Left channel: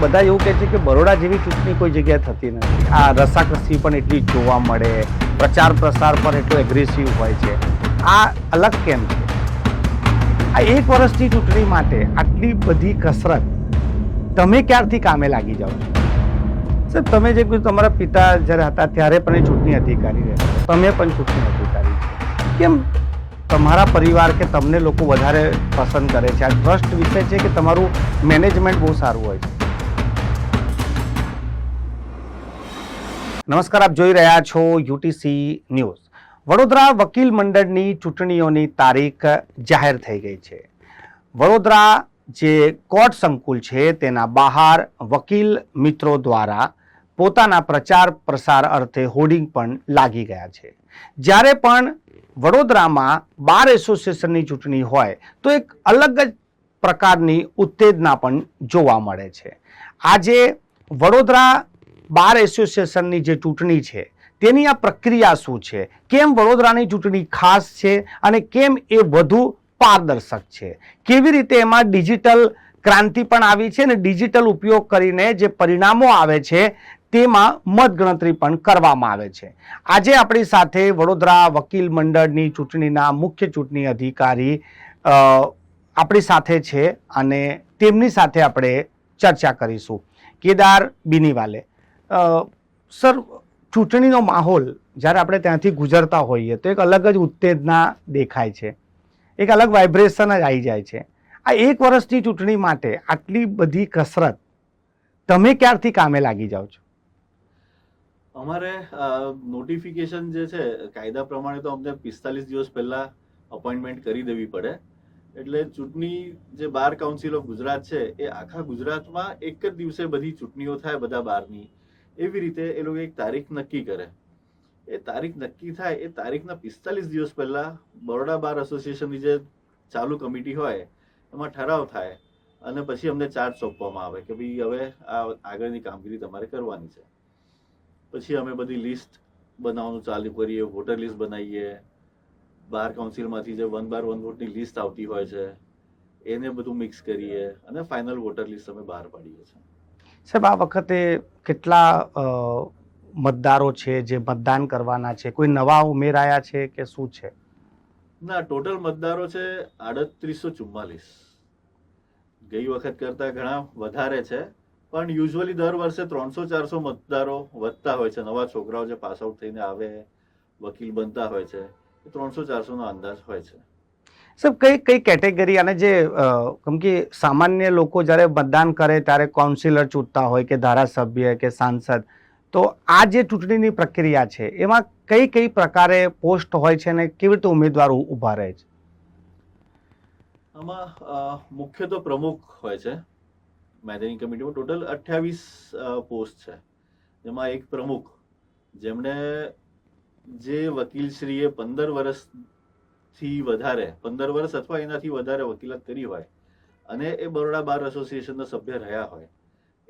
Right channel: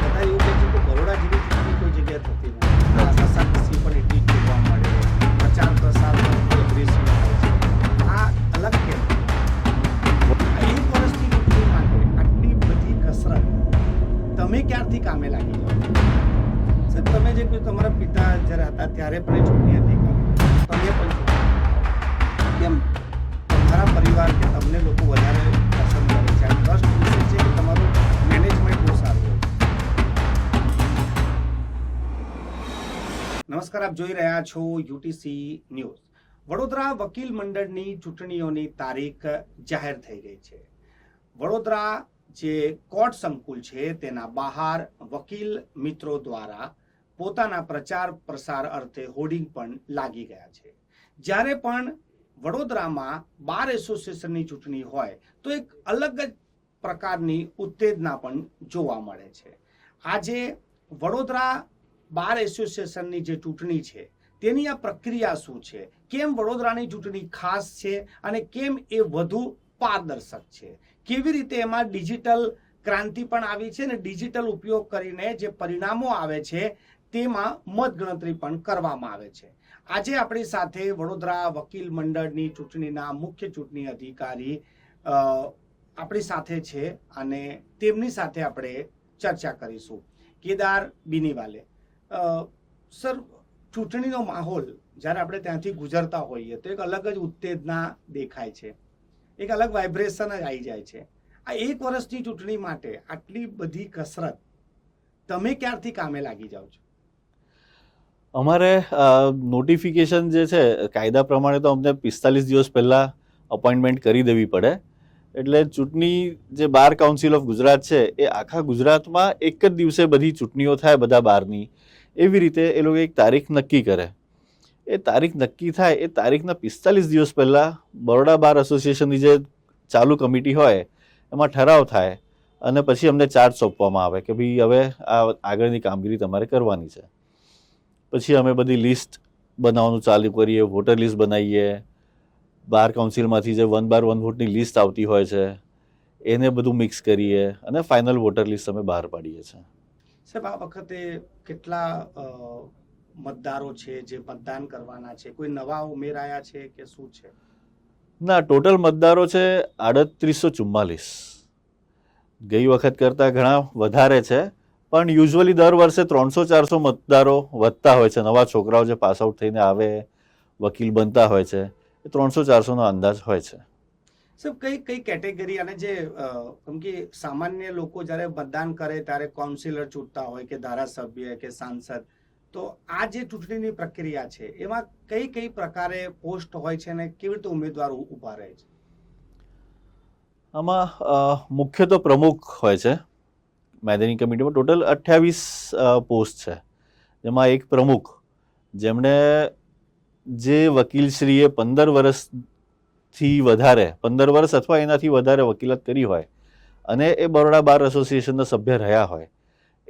બધા એવું કહે છે કે બરોડા જેવી ચૂંટણી કોઈ જગ્યાએ થતી નથી. આ રસાકસી પણ એટલી જ જોવા મળે, પ્રચાર પ્રસાર પણ એટલો એગ્રેસિવ હોય છે. આ અલગ કેમ? આ એક વર્ષની ચૂંટણી માટે આટલી બધી કસરત તમે ક્યારથી કામે લાગી જાઓ છો? સાહેબ, તમે જે કોઈ તમારા પિતા જ્યારે હતા ત્યારે પણ એ ચૂંટણી અધિકારી રહ્યા, તમે પણ ચૂંટણી અધિકારી, કેમ તમારા પરિવાર કે તમને લોકો વધારે પસંદ કરે છે? આ ટ્રસ્ટ વિશે છે કે તમારું મેનેજમેન્ટ બહુ સારું હોય છે? નમસ્કાર, આપ જોઈ રહ્યા છો યુટીસી ન્યૂઝ. વડોદરા વકીલ મંડળની ચૂંટણીઓની તારીખ જાહેર થઈ ગઈ છે. વડોદરા જે કોર્ટ સંકુલ છે તેના બહાર વકીલ મિત્રો દ્વારા પોતાના પ્રચાર પ્રસાર અર્થે હોર્ડિંગ પણ લાગી ગયા છે. જ્યારે પણ વડોદરામાં બાર એસોસિએશનની ચૂંટણી હોય તો એક અલગ જ પ્રકારની ઉત્તેજના પણ જોવા મળે છે. આજે વડોદરા બાર એસોસિએશનની જે ચૂંટણી છે તેની આ પ્રક્રિયા શું છે, કેમ વડોદરાની ચૂંટણી ખાસ છે અને કેમ એ વધુ પારદર્શક છે, કેવી રીતે એમાં ડિજિટલ ક્રાંતિ પણ આવી છે અને ડિજિટલ ઉપયોગ કરીને જે પરિણામો આવે છે તેમાં મતગણતરી પણ કરવામાં આવે છે. આજે આપણી સાથે વડોદરા વકીલ મંડળની ચૂંટણીના મુખ્ય ચૂંટણી અધિકારી આપણી સાથે છે અને તેમની સાથે આપણે ચર્ચા કરીશું. કેદાર બીનીવાલે, સર, ચૂંટણીનો માહોલ જ્યારે આપણે ત્યાંથી ગુજરતા હોઈએ તો એક અલગ જ ઉત્તેજના દેખાય છે, એક અલગ વાઇબ્રેશન જ આવી જાય છે. આ એક વર્ષની ચૂંટણી માટે આટલી બધી કસરત તમે ક્યારથી કામે લાગી જાઓ છો? અમારે નોટિફિકેશન જે છે કાયદા પ્રમાણે તો અમને 45 દિવસ પહેલા અપોઇન્ટમેન્ટ કરી દેવી પડે. એટલે ચૂંટણી જે બાર કાઉન્સિલ ઓફ ગુજરાત છે એ આખા ગુજરાતમાં એક જ દિવસે બધી ચૂંટણીઓ થાય બધા બારની, એવી રીતે એ લોકો એક તારીખ નક્કી કરે. એ તારીખ નક્કી થાય એ તારીખના 45 દિવસ પહેલા બરોડા બાર એસોસિએશનની જે ચાલુ કમિટી હોય એમાં ઠરાવ થાય અને પછી અમને ચાર્જ સોંપવામાં આવે કે ભાઈ હવે આ આગળની કામગીરી તમારે કરવાની છે. પછી અમે બધી લિસ્ટ બનાવવાનું ચાલુ કરીએ, વોટર લિસ્ટ બનાવીએ, બાર કાઉન્સિલમાંથી જે 1 બાર 1 વોટની લિસ્ટ આવતી હોય છે એને બધું મિક્સ કરીએ અને ફાઇનલ વોટર લિસ્ટ અમે બહાર પાડીએ છીએ. સાહેબ, આ વખતે કેટલા મતદારો છે જે મતદાન કરવાના છે? કોઈ નવા ઉમેરાયા છે કે શું છે? ના, ટોટલ મતદારો છે 3844. ગઈ વખત કરતાં ઘણા વધારે છે, પણ યુઝ્યુઅલી દર વર્ષે 300-400 મતદારો વધતા હોય છે. નવા છોકરાઓ જે પાસ આઉટ થઈને આવે, વકીલ બનતા હોય છે, એ 300-400 નો અંદાજ હોય છે. સાહેબ, કઈ કેટેગરી, અને જે કેમ કે સામાન્ય લોકો જ્યારે મતદાન કરે ત્યારે કાઉન્સિલર ચૂંટતા હોય કે ધારાસભ્ય કે સાંસદ, તો આ જે ચૂંટણીની પ્રક્રિયા છે એમાં કઈ પ્રકારે પોસ્ટ હોય છે અને કેવી રીતે ઉમેદવાર ઊભા રહે છે? આમાં મુખ્ય તો પ્રમુખ હોય છે. મેનેજિંગ કમિટીમાં ટોટલ 28 પોસ્ટ છે, જેમાં એક પ્રમુખ, જેમણે જે વકીલશ્રીએ 15 વર્ષથી વધારે 15 વર્ષ અથવા એનાથી વધારે વકીલાત કરી હોય અને એ બરોડા બાર એસોસિએશનના સભ્ય રહ્યા હોય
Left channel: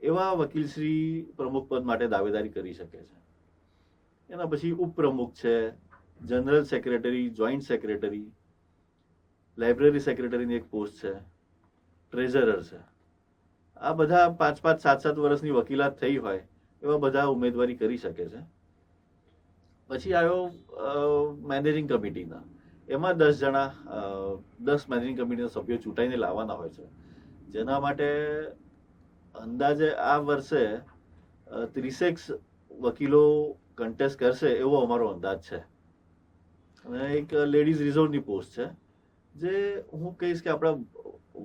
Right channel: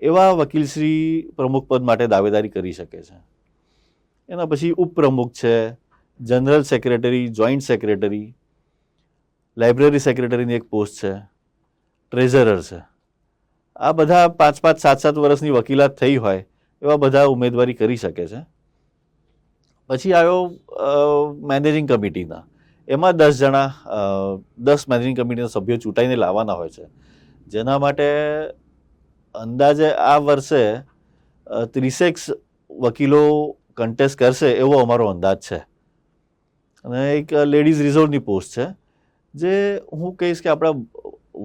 એવા વકીલશ્રી પ્રમુખ પદ માટે દાવેદારી કરી શકે છે. એના પછી ઉપપ્રમુખ છે, general secretary, joint secretary, library સેક્રેટરીની એક પોસ્ટ છે, ટ્રેઝરર છે. આ બધા 5-5, 7-7 વર્ષની વકીલાત થઈ હોય એવા બધા ઉમેદવારી કરી શકે છે. પછી આવ્યો મેનેજિંગ કમિટીના, એમાં 10 જણા 10 મેનેજિંગ કમિટીના સભ્યો ચૂંટાઈને લાવવાના હોય છે, જેના માટે અંદાજે આ વર્ષે 30 વકીલો કન્ટેસ્ટ કરશે એવો અમારો અંદાજ છે. અને એક લેડીઝ રિઝર્વની પોસ્ટ છે, જે હું કહીશ કે આપણા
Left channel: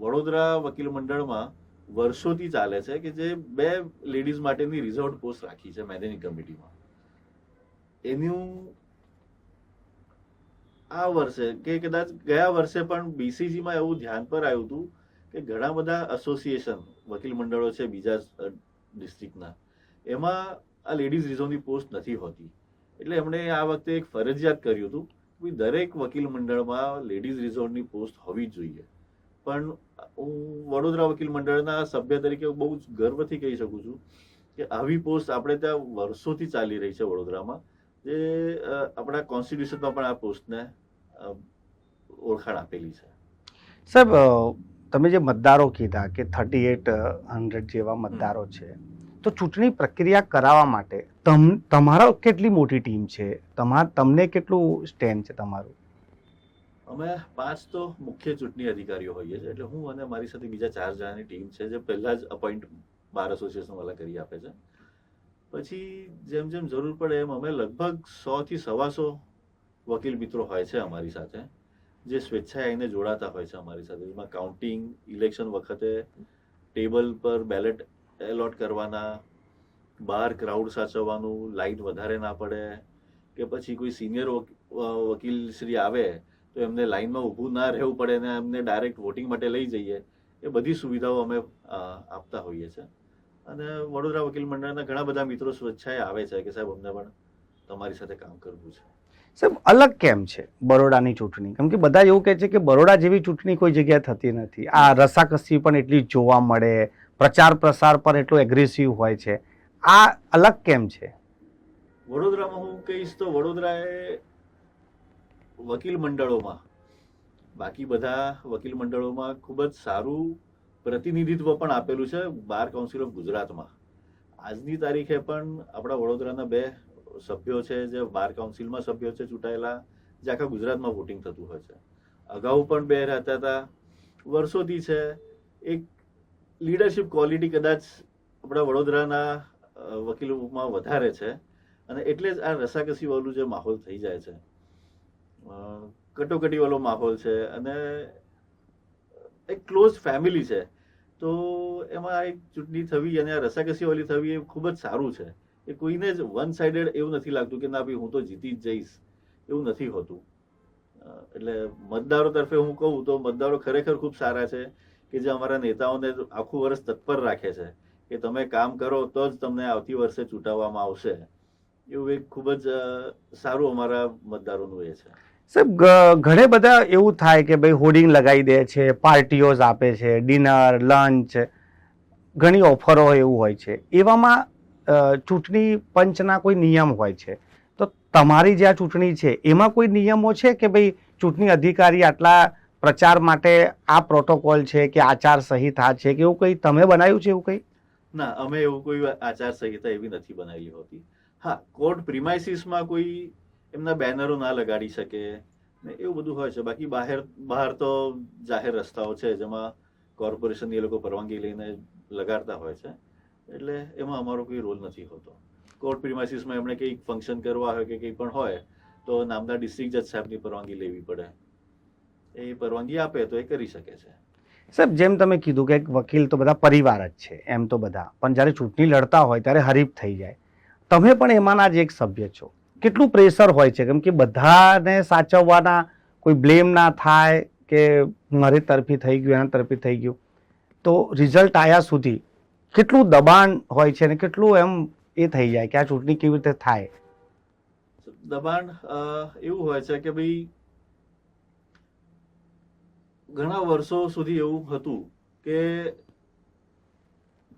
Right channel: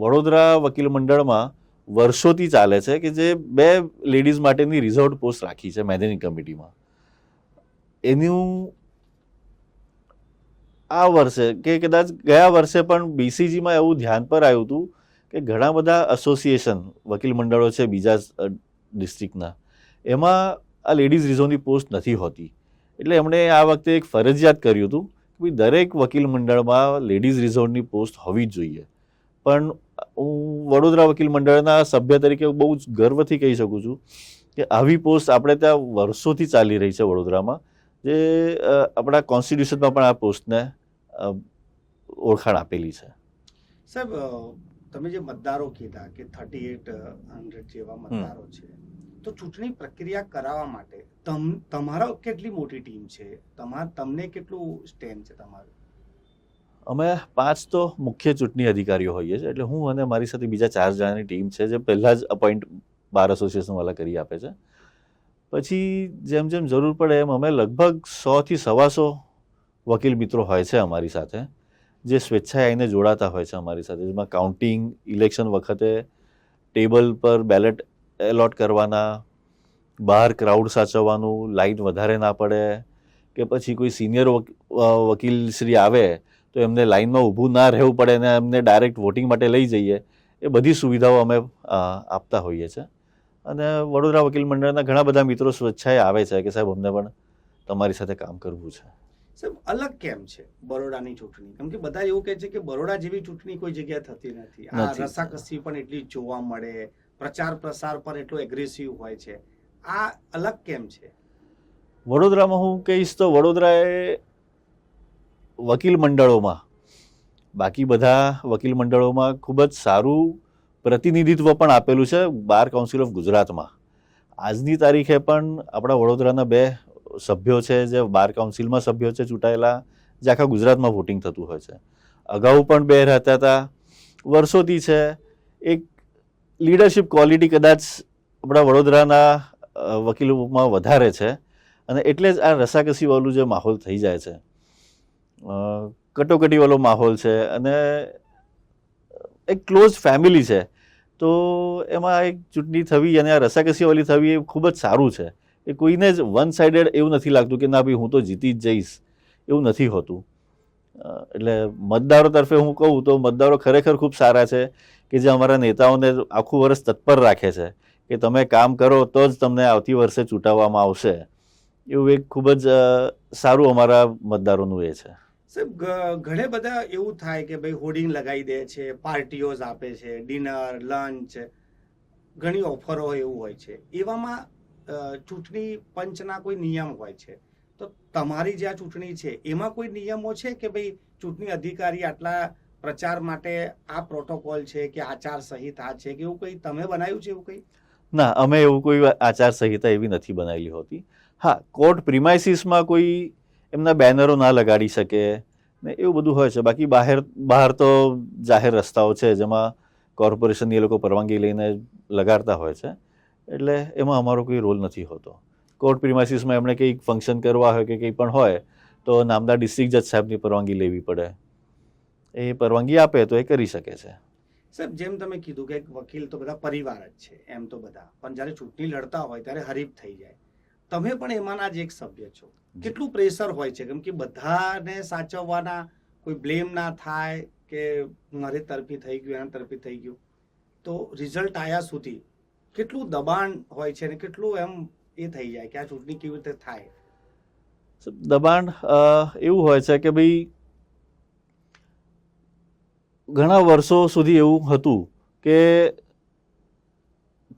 વડોદરા વકીલ મંડળમાં વર્ષોથી ચાલે છે, કે જે 2 લેડીઝ માટેની રિઝર્વડ પોસ્ટ રાખી છે મેનેજિંગ કમિટીમાં. એનું આ વર્ષે કે કદાચ ગયા વર્ષે પણ બીસીજીમાં એવું ધ્યાન પર આવ્યું હતું કે ઘણા બધા એસોસિએશન વકીલ મંડળો છે બીજા ડિસ્ટ્રિક્ટના, એમાં આ લેડીઝ રિઝર્વની પોસ્ટ નથી હોતી. એટલે એમણે આ વખતે એક ફરજિયાત કર્યું હતું કે દરેક વકીલ મંડળમાં લેડીઝ રિઝર્વની પોસ્ટ હોવી જ જોઈએ. પણ હું વડોદરા વકીલ મંડળના સભ્ય તરીકે બહુ જ ગર્વથી કહી શકું છું કે આવી પોસ્ટ આપણે ત્યાં વર્ષોથી ચાલી રહી છે વડોદરામાં, જે આપણા કોન્સ્ટિટ્યુશનમાં પણ આ પોસ્ટને ઓળખાણ આપેલી છે. સાહેબ, તમે જે મતદારો કીધા કે 3800 જેવા મતદારો છે, તો ચૂંટણી પ્રક્રિયા કરાવવા માટે તમારો કેટલી મોટી ટીમ છે? તમને કેટલું સ્ટેન્ડ છે તમારું? અમે 5 તો મુખ્ય ચૂંટણી અધિકારીઓ હોઈએ છીએ, એટલે હું અને મારી સાથે બીજા 4 જણાની ટીમ છે જે પહેલા જ અપોઇન્ટ બાર એસોસિએશન વાળા કરી આપે છે. પછી જેમ જેમ જરૂર પડે એમ અમે લગભગ 100 થી 125 વકીલ મિત્રો હોય છે અમારી સાથે, જે સ્વેચ્છાએ આવીને જોડાતા હોય છે અમારી સાથે, જેમાં કાઉન્ટિંગ, ઇલેક્શન વખતે ટેબલ પર બેલેટ એલોટ કરવાના, બહાર ક્રાઉડ સાચવવાનું, લાઈન વધારે ના પડે, કે પછી કોઈ સિનિયર વકીલ શ્રી આવે તો એમને લાઈનમાં ઊભું ના રહેવું પડે ને એમને ડાયરેક્ટ વોટિંગ માટે લઈ જઈએ, એ બધી સુવિધાઓ અમે આપતા હોઈએ છીએ. અને વડોદરા વકીલ મંડળના ઘણા બધા મિત્રો સ્વેચ્છાએ આવે છે કે સાહેબ અમને પણ તમારી સાથે કામ કરવું છે. સાહેબ, અલગ કેમ છે બરોડાની ચૂંટણી? કેમ કે બધા એવું કહે છે કે બરોડા જેવી ચૂંટણી કોઈ જગ્યાએ થતી નથી. આ રસાકસી પણ એટલી જોવા મળે, પ્રચાર પ્રસાર પણ એટલો એગ્રેસિવ હોય છે. આ અલગ કેમ છે? વડોદરામાં હું કહીશ તો વડોદરાએ વકીલ મંડળોમાં, બાકી બધા વકીલ મંડળોમાં ખૂબ જ સારું પ્રતિનિધિત્વ પણ આપેલું છે બાર કાઉન્સિલ ઓફ ગુજરાતમાં. આજની તારીખે પણ આપણા વડોદરાના 2 સભ્યો છે જે બાર કાઉન્સિલમાં સભ્યો છે ચૂંટાયેલા, જે આખા ગુજરાતમાં વોટિંગ થતું હોય છે. અગાઉ પણ 2 રહેતા હતા, વર્ષોથી છે. એક લીડરશિપ ક્વોલિટી કદાચ આપણા વડોદરાના વકીલોમાં વધારે છે, અને એટલે જ આ રસાકસીવાળું જે માહોલ થઈ જાય છે, કટોકટીવાળો માહોલ છે, અને એક ક્લોઝ ફેમિલી છે, તો એમાં એક ચૂંટણી થવી અને આ રસાકસીવાળી થવી એ ખૂબ જ સારું છે. એ કોઈને જ વન સાઇડેડ એવું નથી લાગતું કે ના ભાઈ હું તો જીતી જ જઈશ, એવું નથી હોતું. એટલે મતદારો તરફે હું કહું તો મતદારો ખરેખર ખૂબ સારા છે, કે જે અમારા નેતાઓને આખું વર્ષ તત્પર રાખે છે કે તમે કામ કરો તો જ તમને આવતી વર્ષે ચૂંટાવવામાં આવશે. એવું એક ખૂબ જ સારું અમારા મતદારોનું એ છે. સાહેબ, ઘણે બધા એવું થાય કે ભાઈ હોર્ડિંગ લગાવી દે છે, પાર્ટીઓ આપે છે, ડિનર, લંચ, ઘણી ઓફરો એવું હોય છે. એવામાં ચૂંટણી પંચના કોઈ નિયમ હોય છે, તો તમારી જે આ ચૂંટણી છે એમાં કોઈ નિયમો છે કે ભાઈ ચૂંટણી અધિકારી આટલા પ્રચાર માટે આ પ્રોટોકોલ છે કે આચાર સંહિતા છે કે એવું કંઈ તમે બનાવ્યું છે? એવું કંઈ? ના, અમે એવું કોઈ આચાર સંહિતા એવી નથી બનાવેલી હોતી. હા, કોર્ટ પ્રિમાઇસીસમાં કોઈ એમના બેનરો ના લગાડી શકે ને એવું બધું હોય છે. બાકી બહાર તો જાહેર રસ્તાઓ છે જેમાં કોર્પોરેશનની એ લોકો પરવાનગી લઈને લગાડતા હોય છે, એટલે એમાં અમારો કોઈ રોલ નથી હોતો. કોર્ટ પ્રિમાઇસીસમાં એમણે કંઈક ફંક્શન કરવા હોય કે કંઈ પણ હોય તો નામદાર ડિસ્ટ્રિક્ટ જજ સાહેબની પરવાનગી લેવી પડે. એ પરવાનગી આપે તો એ કરી શકે છે. સાહેબ, જેમ તમે કીધું કે વકીલ તો બધા પરિવાર જ છે એમ તો બધા, પણ જ્યારે ચૂંટણી લડતા હોય ત્યારે હરીફ થઈ જાય. તમે પણ એમાંના જ એક સભ્ય છો. કેટલું પ્રેશર હોય છે? કેમ કે બધાને સાચવવાના, કોઈ બ્લેમ ના થાય કે મારી તરફી થઈ ગયું, એના તરફી થઈ ગયું, તો રિઝલ્ટ આવ્યા સુધી કેટલું દબાણ હોય છે અને કેટલું એમ એ થઈ જાય કે આ ચૂંટણી કેવી રીતે થાય? દબાણ એવું હોય છે કે ભાઈ ઘણા વર્ષો સુધી એવું હતું કે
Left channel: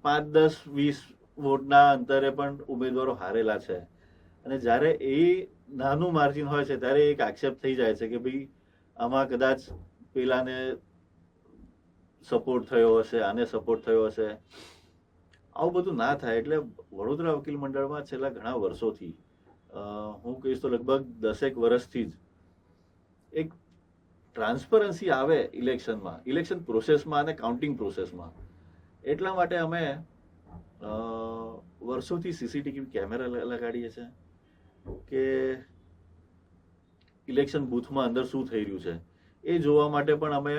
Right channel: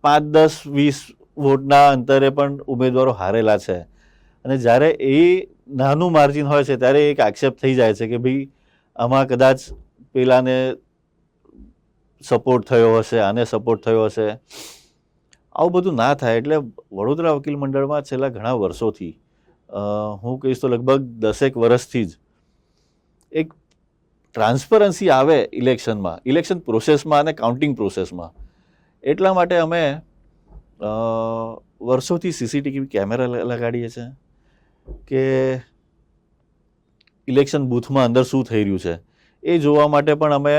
5, 10, 20 વોટના અંતરે પણ ઉમેદવારો હારેલા છે, અને જ્યારે એ નાનું માર્જિન હોય છે ત્યારે એક આક્ષેપ થઈ જાય છે કે ભાઈ આમાં કદાચ પેલાને સપોર્ટ થયો હશે, આને સપોર્ટ થયો હશે. આવું બધું ના થાય. એટલે વડોદરા વકીલ મંડળમાં છેલ્લા ઘણા વર્ષોથી, હું કહીશ તો લગભગ 10 વર્ષથી જ એક ટ્રાન્સપરન્સી આવે ઇલેક્શનમાં, ઇલેક્શન પ્રોસેસમાં અને કાઉન્ટિંગ પ્રોસેસમાં. એટલા માટે અમે વર્ષોથી સીસીટીવી કેમેરા લગાડીએ છીએ કે ઇલેક્શન બૂથમાં અંદર શું થઈ રહ્યું છે એ જોવા માટે પણ અમે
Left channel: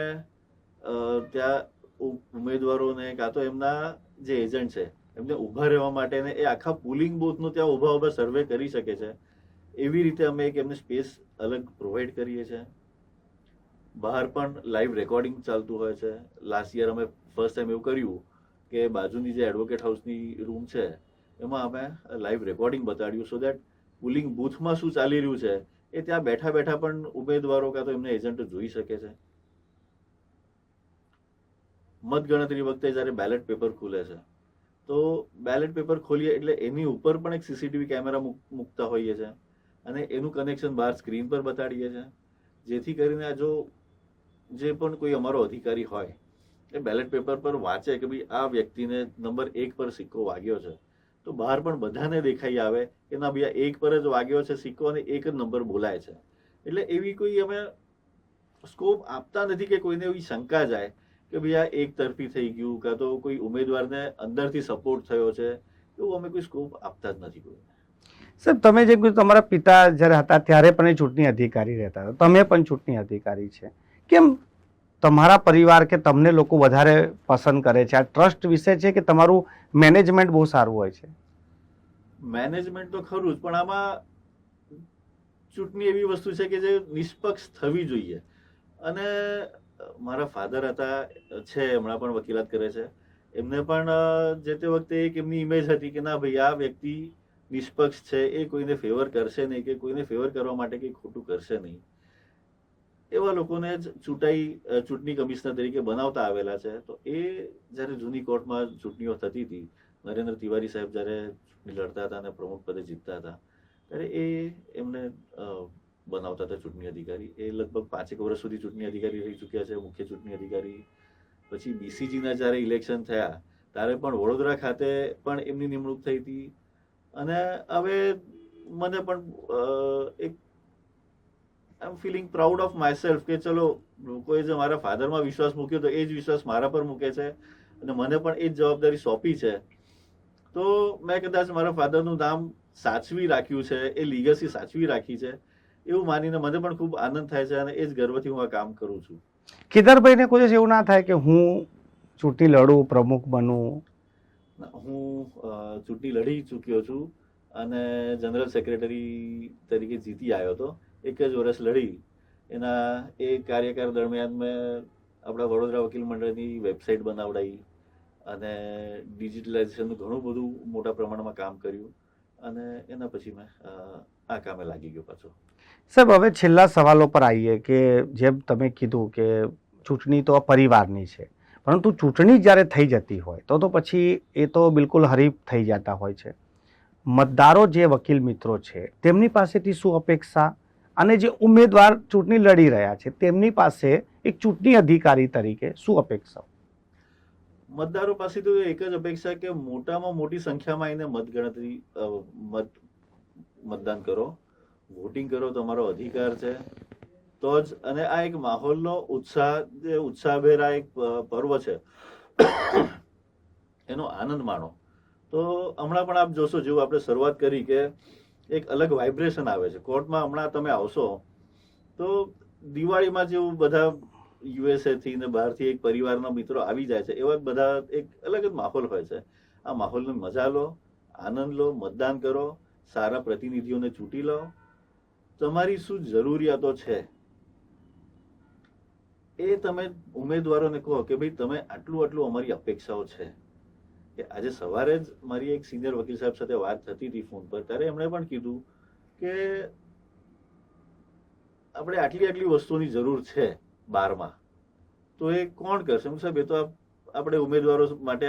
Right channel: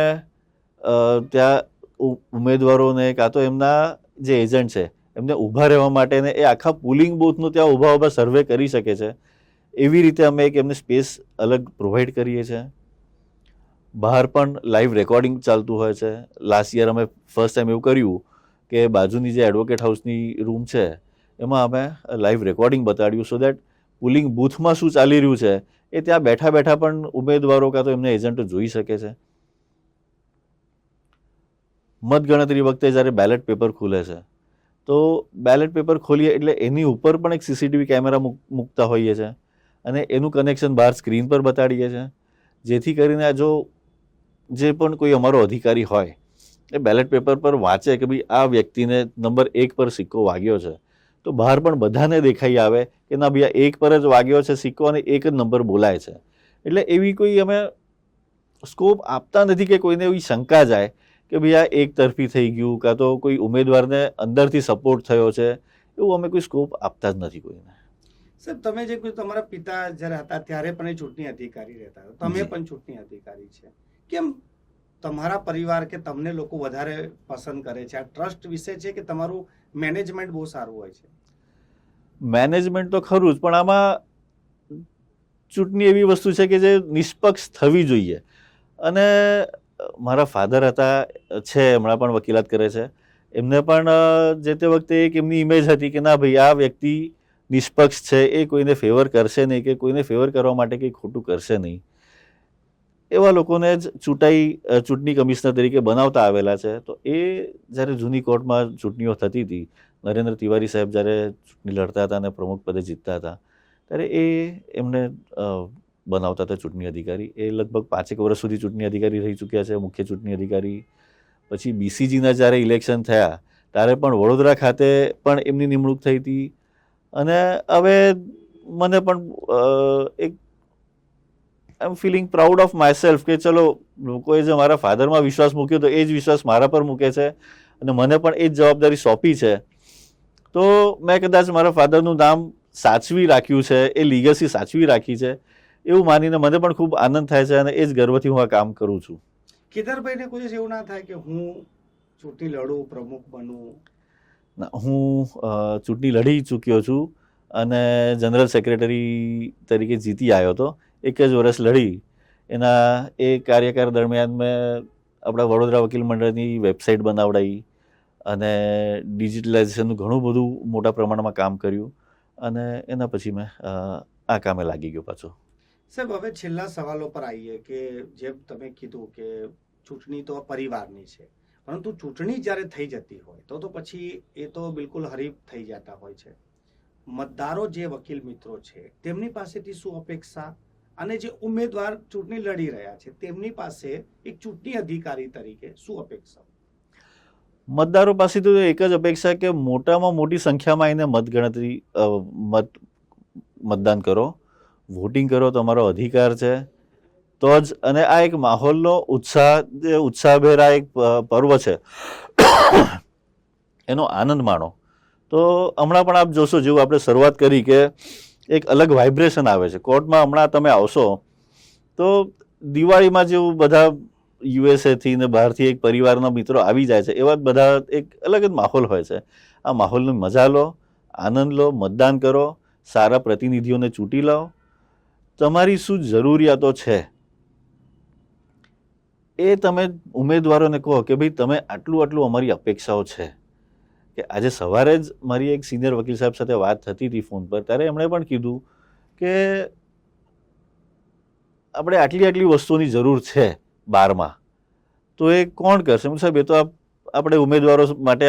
ત્યાં ઉમેદવારોને કાં તો એમના જે એજન્ટ છે એમને ઊભા રહેવા માટે ને એ આખા પોલિંગ બૂથનું ત્યાં ઊભા સર્વે કરી શકે છે એવી રીતે અમે એક એમને સ્પેસ અલગ પ્રોવાઈડ કરીએ છીએ. બહાર પણ લાઈવ રેકોર્ડિંગ ચાલતું હોય છે. લાસ્ટ યર અમે ફર્સ્ટ ટાઈમ એવું કર્યું કે બાજુની જે એડવોકેટ હાઉસની રૂમ છે એમાં અમે લાઈવ રેકોર્ડિંગ બતાડ્યું, સો દેટ પોલિંગ બૂથમાં શું ચાલી રહ્યું છે એ ત્યાં બેઠા બેઠા પણ ઉમેદવારો કાં તો એમને એજન્ટો જોઈ શકે છે. મતગણતરી વખતે જ્યારે બેલેટ પેપર ખુલે છે તો બેલેટ પેપર ખોલીએ એટલે એની ઉપર પણ એક સીસીટીવી કેમેરા મૂકતા હોઈએ છીએ અને એનું કનેક્શન બહાર સ્ક્રીન પર બતાડીએ છીએ, જેથી કરીને જો જે પણ કોઈ અમારો અધિકારી હોય એ બેલેટ પેપર પર વાંચે કે ભાઈ આ વ્યક્તિને નંબર 1 પર સિક્કો વાગ્યો છે, તો બહાર પણ બધાને દેખાઈ આવે કે ના ભાઈ આ 1 પર જ વાગ્યો છે સિક્કો અને 1 જ નંબર બોલાય છે. એટલે એવી કોઈ અમે સ્કોપ આપતા નથી કે કોઈને એવી શંકા જાય કે ભાઈ આ એક તરફી થઈ ગયું, કાં તો કોઈ ઉમેદવારને અંદરથી સપોર્ટ થયો છે, એવું અમે કોઈ સ્કોપ આપતા જ નથી કોઈને. સાહેબ, તમે જેમ કીધું તમારા પિતા જ્યારે હતા ત્યારે પણ એ ચૂંટણી અધિકારી રહેતા હતા, તમે પણ ચૂંટણી અધિકારી છે, કેમ તમારા પરિવાર કે તમને લોકો વધારે પસંદ કરે છે? આ ટ્રસ્ટ વિશે છે કે તમારું મેનેજમેન્ટ બહુ સારું હોય છે? મેનેજમેન્ટ તો ખરું જ, પણ આમાં ચૂંટણી એવી વસ્તુ છે કે જે નિષ્પક્ષ થવી જોઈએ. અને મારા ફાધર હતા, છે, હમણાં પણ વકીલાત કરે છે, એમને પણ જે તે વખતે એક એમની ઇમેજ હતી કે ના ભાઈ આ વ્યક્તિ નિષ્પક્ષ છે, એ કોઈને ફેવર કરશે નહીં કે કોઈને ફેવર કરવા માટે કંઈ ખોટું કરશે નહીં. એવા લોકોને જ ચૂંટણી કમિશનર તરીકે બનાવતા આવેલા છે. તો એ જ્યારે જૂની કોર્ટમાં ચૂંટણીઓ થતી હતી, નરેન્દ્ર તિવારી સાહેબ જ્યારે ચૂંટણી લડતા હતા અને પ્રમુખ પદે જીતતા હતા, ત્યારે એમને બનાવતા હતા ચૂંટણી અધિકારી. એ લગભગ 5 વર્ષ સુધી ચૂંટણી અધિકારી રહી ચૂક્યા છે, મુખ્ય ચૂંટણી અધિકારી. પછી બીસીજીના જ્યારે ઇલેક્શન થયા ત્યારે પણ વડોદરા ખાતે પણ એમની નિમણૂક થઈ હતી. અને હવે મને પણ એક I am feeling proud of myself કે ચલો લોકોએ જે મારા ફાધરમાં વિશ્વાસ મૂક્યો તો એ જ વિશ્વાસ મારા પર મૂકે છે અને મને પણ એ જ જવાબદારી સોંપી છે. તો મેં કદાચ મારા ફાધરનું નામ સાચવી રાખ્યું છે, એ લીગસી સાચવી રાખી છે, એવું માનીને મને પણ ખૂબ આનંદ થાય છે અને એ જ ગર્વથી હું આ કામ કરું છું. કેદારભાઈને કોઈ દિવસ એવું ના થાય કે હું ચૂંટણી લડું, પ્રમુખ બનું? હું ચૂંટણી લડી ચૂક્યો છું અને જનરલ સેક્રેટરી તરીકે જીતી આવ્યો હતો. 1 જ વર્ષ લડી. એના એ કાર્યકાળ દરમિયાન મેં આપણા વડોદરા વકીલ મંડળની વેબસાઇટ બનાવડાવી અને ડિજિટલાઇઝેશનનું ઘણું બધું મોટા પ્રમાણમાં કામ કર્યું અને એના પછી મેં આ કામે લાગી ગયો પાછો. સાહેબ, હવે છેલ્લા સવાલો પર આવીએ કે જેમ તમે કીધું કે ચૂંટણી તો પરિવારની છે, પરંતુ ચૂંટણી જ્યારે થઈ જતી હોય તો પછી એ તો બિલકુલ હરીફ થઈ જતા હોય છે. મતદારો જે વકીલ મિત્રો છે તેમની પાસેથી શું અપેક્ષા, અને જે ઉમેદવાર ચૂંટણી લડી રહ્યા છે તેમની પાસે એક ચૂંટણી અધિકારી તરીકે શું અપેક્ષા? મતદારો પાસે તો એક જ અપેક્ષા કે મોટામાં મોટી સંખ્યામાં એને મતદાન કરો, વોટિંગ કરો, તમારો અધિકાર છે તો જ. અને આ એક માહોલનો ઉત્સાહભેર આ એક પર્વ છે, એનો આનંદ માણો. તો હમણાં પણ આપ જોશો, જેવું આપણે શરૂઆત કરી કે એક અલગ વાઇબ્રેશન આવે છે કોર્ટમાં. હમણાં તમે આવશો તો દિવાળીમાં જેવું બધા યુએસએથી ને બહારથી એક પરિવારના મિત્રો આવી જાય છે, એવા જ બધા એક અલગ જ માહોલ હોય છે. આ માહોલની મજા લો, આનંદ લો, મતદાન કરો, સારા પ્રતિનિધિઓને ચૂંટી લો. તમારી શું જરૂરિયાતો છે એ તમે ઉમેદવારોને કહો કે ભાઈ તમે આટલું અમારી અપેક્ષાઓ છે. કે આજે સવારે જ મારી એક સિનિયર વકીલ સાહેબ સાથે વાત થતી હતી ફોન પર, ત્યારે એમણે પણ કીધું કે આપણે આટલી વસ્તુઓની જરૂર છે 12માં, તો એ કોણ કરશે? સાહેબ, એ તો આપણે ઉમેદવારો માટે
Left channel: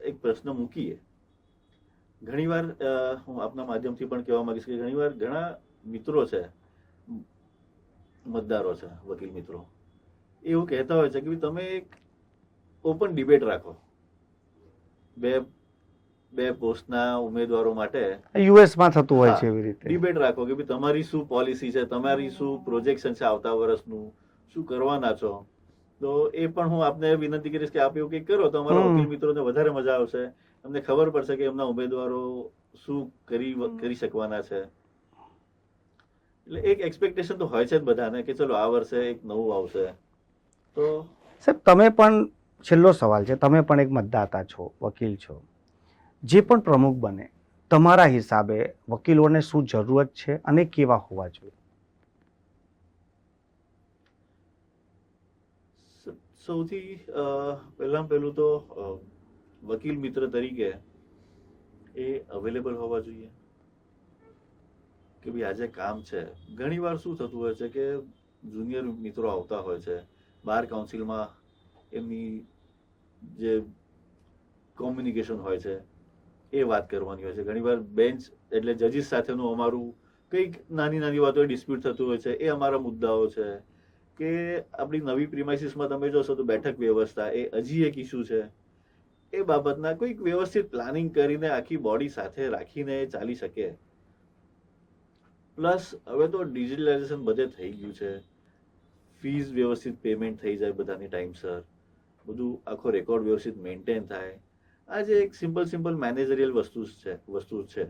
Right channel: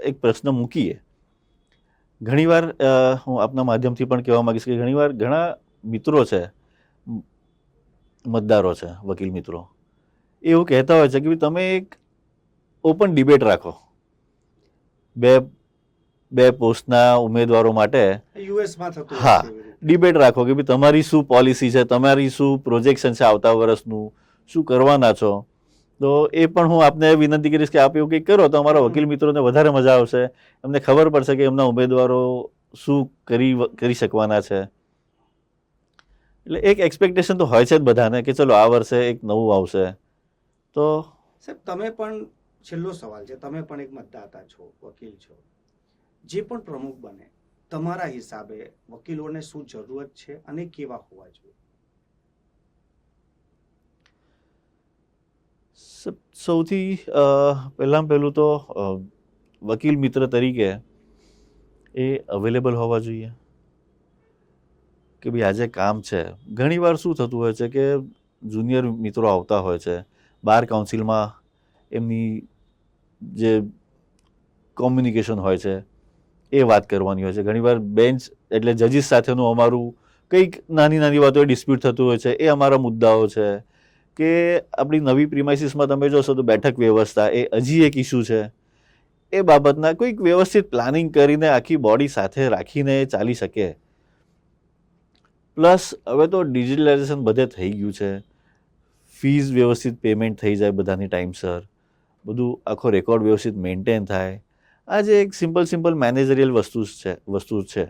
એક પ્રશ્ન મૂકીએ. ઘણીવાર હું આપના માધ્યમથી પણ કહેવા માંગીશ કે ઘણીવાર ઘણા મિત્રો છે, મતદારો છે, વકીલ મિત્રો, એવું કહેતા હોય છે કે તમે એક ઓપન ડિબેટ રાખો બે પોસ્ટના ઉમેદવારો માટે. યુએસમાં થતું હોય છે એવી રીતે ડિબેટ રાખો કે ભાઈ તમારી શું પોલિસી છે, તમારી શું પ્રોજેક્શન છે આવતા વર્ષનું, શું કરવાના છો. તો એ પણ હું આપને વિનંતી કરીશ કે આપ એવું કંઈક કરો તો અમારા વકીલ મિત્રોને વધારે મજા આવશે, એમને ખબર પડશે કે એમના ઉમેદવારો શું કરી શકવાના છે. એટલે એક એક્સપેક્ટેશન તો હોય છે જ બધાને કે ચલો આ વર્ષે એક નવું આવશે. તો સાહેબ, તમે પણ, છેલ્લો સવાલ છે, તમે પણ એક મતદાતા છો, વકીલ છો, જે પણ પ્રમુખ બને તમારા હિસાબે વકીલોને શું જરૂરત છે અને કેવા હોવા જોઈએ? સૌથી પહેલું તો વકીલ મિત્ર તરીકે એ અવેલેબલ હોવા જોઈએ કે ભાઈ આજે કામ છે. ઘણીવાર શું થતું હોય છે કે જુનિયર મિત્રો આવતા હોય છે, બાર કાઉન્સિલમાં એમની જે કોમ્યુનિકેશન હોય છે એ વાત કરવાની હોય છે. ઘણીવાર બેન્ચ એટલે જજીસ સાથેનું અમારું કંઈક નાની વાતો ડિસ્પ્યુટ થતું હોય છે, એ અમારા મુદ્દાઓ છે. કે આપણી નવી પ્રિમાઇસીસમાં તમે જોશો તો બેઠક વ્યવસ્થા એ હજી એક ઇસ્યુ છે. એ બાબતના કોઈક વ્યવસ્થિત પ્લાનિંગ કરીને આખી બોડી સાથે રાખીને ચાલી શકે. પ્લસ હવે તો ડિજિટલાઇઝેશન બધે થઈ ગયું છે. ફીઝ વ્યવસ્થિત પેમેન્ટ થઈ જાય બધાની ટાઈમસર, બધું આખો રેકોર્ડ વ્યવસ્થિત મેન્ટેન થાય. આ જે એક સિમ્પલ મેનેજરિયલ વસ્તુ છે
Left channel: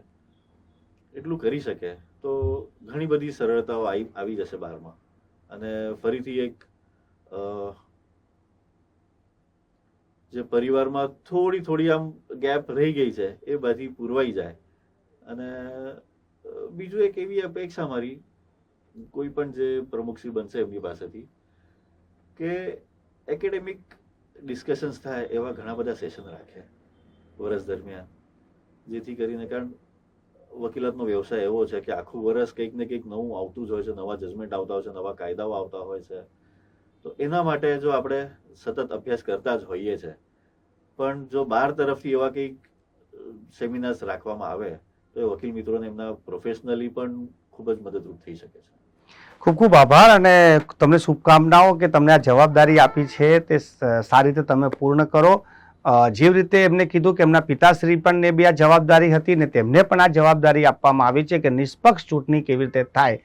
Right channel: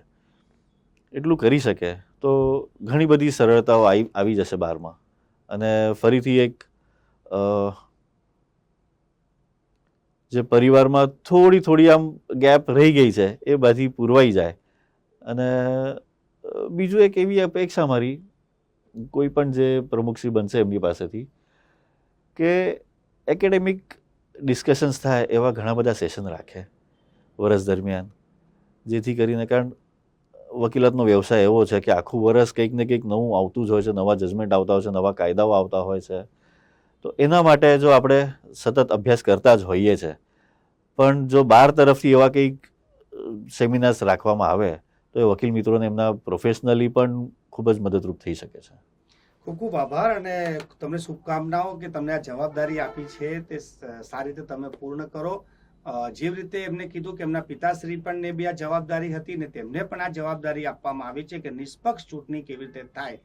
એટલું કરી શકે તો ઘણી બધી સરળતાઓ આવી જશે બહારમાં. અને ફરીથી એક જે પરિવારમાં થોડી આમ ગેપ રહી ગઈ છે એ બધી પૂરવાઈ જાય. અને બીજું એક એવી અપેક્ષા મારી કોઈ પણ જે પ્રમુખશ્રી બનશે એમની પાસેથી કે એકેડેમિક ડિસ્કશન્સ થાય એવા ઘણા બધા સેશન રાખે વર્ષ દરમિયાન, જેથી કરીને, કારણ વકીલાતનો વ્યવસાય એવો છે કે આખું વર્ષ કંઈક ને કંઈક નવું આવતું જ હોય છે, નવા જજમેન્ટ આવતા હોય છે, નવા કાયદાઓ આવતા હોય છે. તો એના માટે જો આપણે સતત અભ્યાસ કરતા જ હોઈએ છે, પણ જો બહાર તરફથી એવા કંઈક સેમિનાર્સ રાખવામાં આવે તો એ વકીલ મિત્રોને એમના પ્રોફેશનલી પણ ખૂબ જ મદદરૂપ થઈ શકે છે. ખૂબ ખૂબ આભાર અને તમને શુભકામનાઓ કે તમને આ જવાબદારી આપી છે તે સારી રીતે તમે પૂર્ણ કરો. જેવી રીતે એમને કીધું કે એમના પિતાશ્રી પણ ને બી આ જવાબદારી હતી ને તેમને પણ આ જવાબદારી આપવામાં આવી છે કે નિષ્પક્ષ ચૂંટણી કેવી રીતે થાય.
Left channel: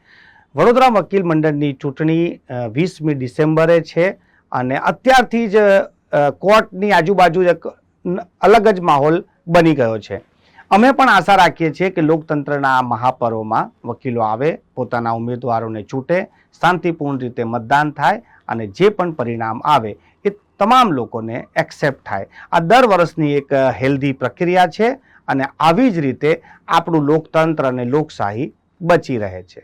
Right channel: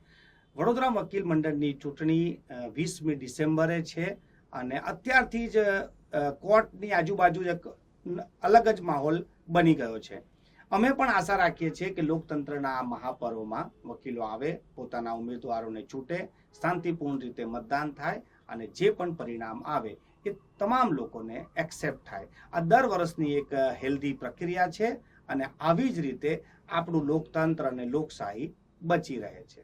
વડોદરા વકીલ મંડળની ચૂંટણી 20મી ડિસેમ્બરે છે અને અત્યારથી જ કોર્ટની આજુબાજુ એક અલગ જ માહોલ બની ગયો છે. અમે પણ આશા રાખીએ છીએ કે લોકતંત્રના આ મહાપર્વમાં વકીલો આવે, પોતાના ઉમેદવારોને ચૂંટે, શાંતિપૂર્ણ રીતે મતદાન થાય અને જે પણ પરિણામ આવે એ તમામ લોકોને એક્સેપ્ટ થાય. આ દર વર્ષની એક હેલ્ધી પ્રક્રિયા છે અને આવી જ રીતે આપણું લોકતંત્ર અને લોકશાહી બચી રહે છે.